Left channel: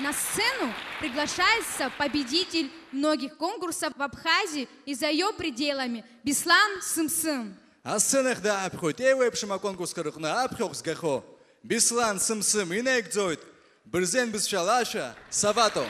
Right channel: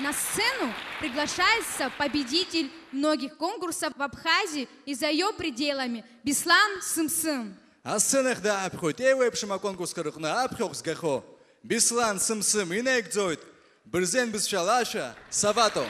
На сцену приглашается победитель многих конкурсов в Абхазии и за ее пределами Беслан Сымсым. А сценах да обходит эвэпшима конкурс карухна обхёх сгахо. Беслан Сымсым инэкзойт. Брзен бисшалаша Савато.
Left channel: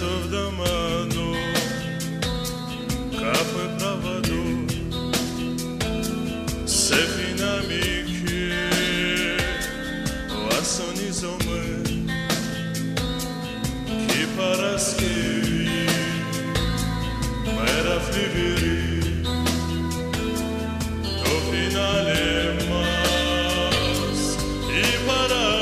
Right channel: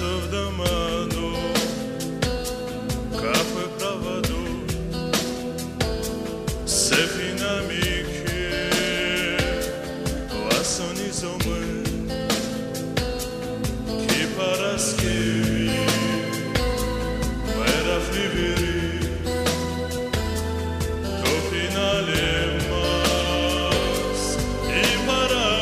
В доману, кафе проводу, сефинамики, ласонизомы, кипараскеви, мерафливери, то финале мас и парамори.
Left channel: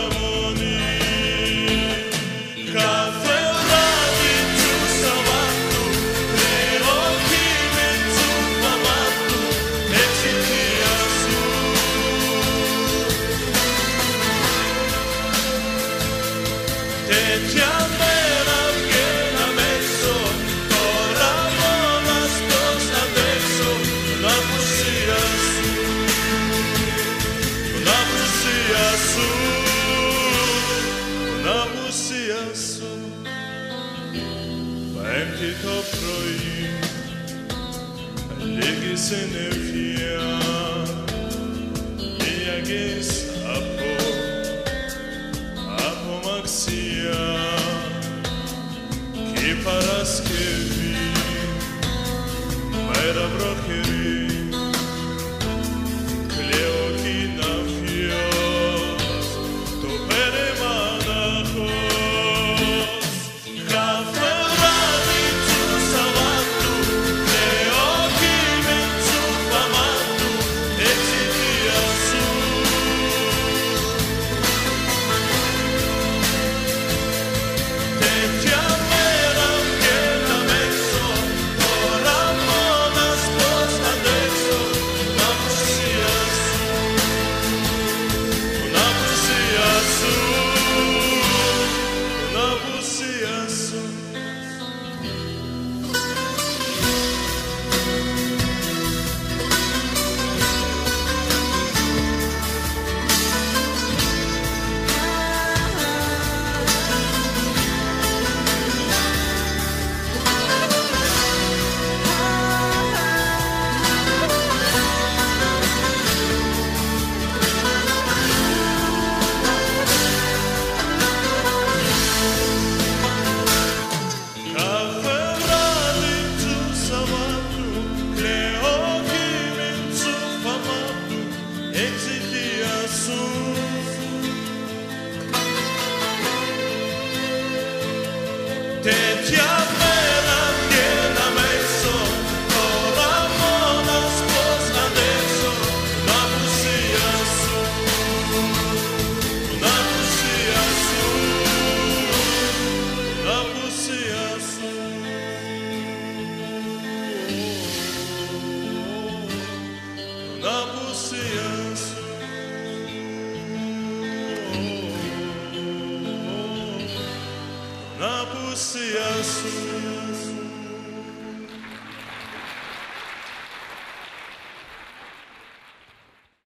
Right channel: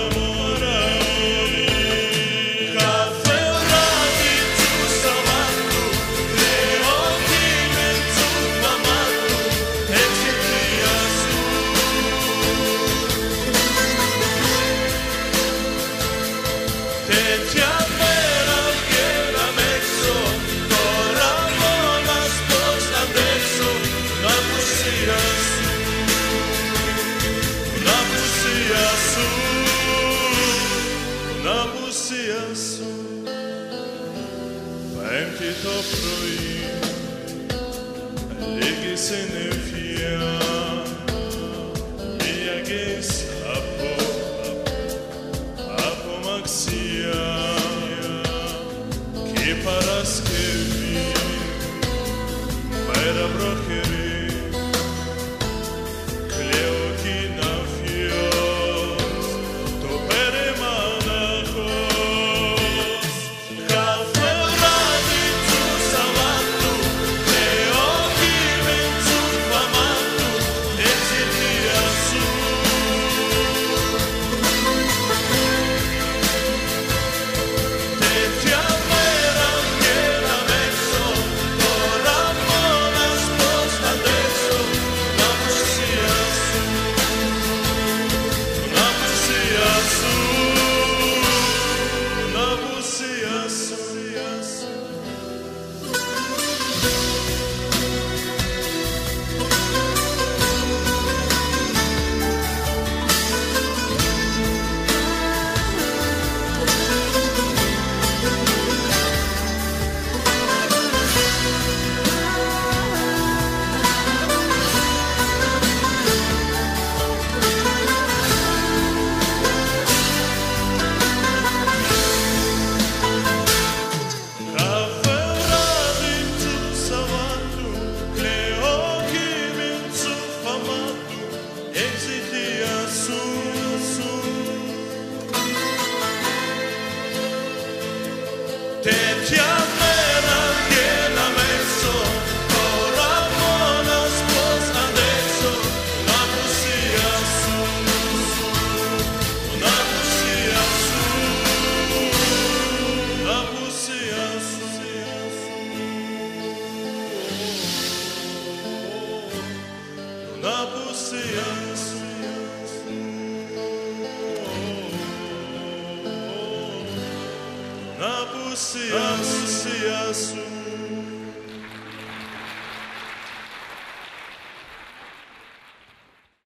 Πέμπτη το πρωί, λίγη συννεφιά, μοιαγείς από μαξιά κι η Παρασκευή, μέρα βροχερή, κλαίω κι να φιός, το περιμάναχος. Τέτοια μέρα βγαίναμε έξω, τώρα μόνος πώς αντέξω την απουσία σου, την απουσία σου, την απουσία σου, την απουσία σου. Na pusia su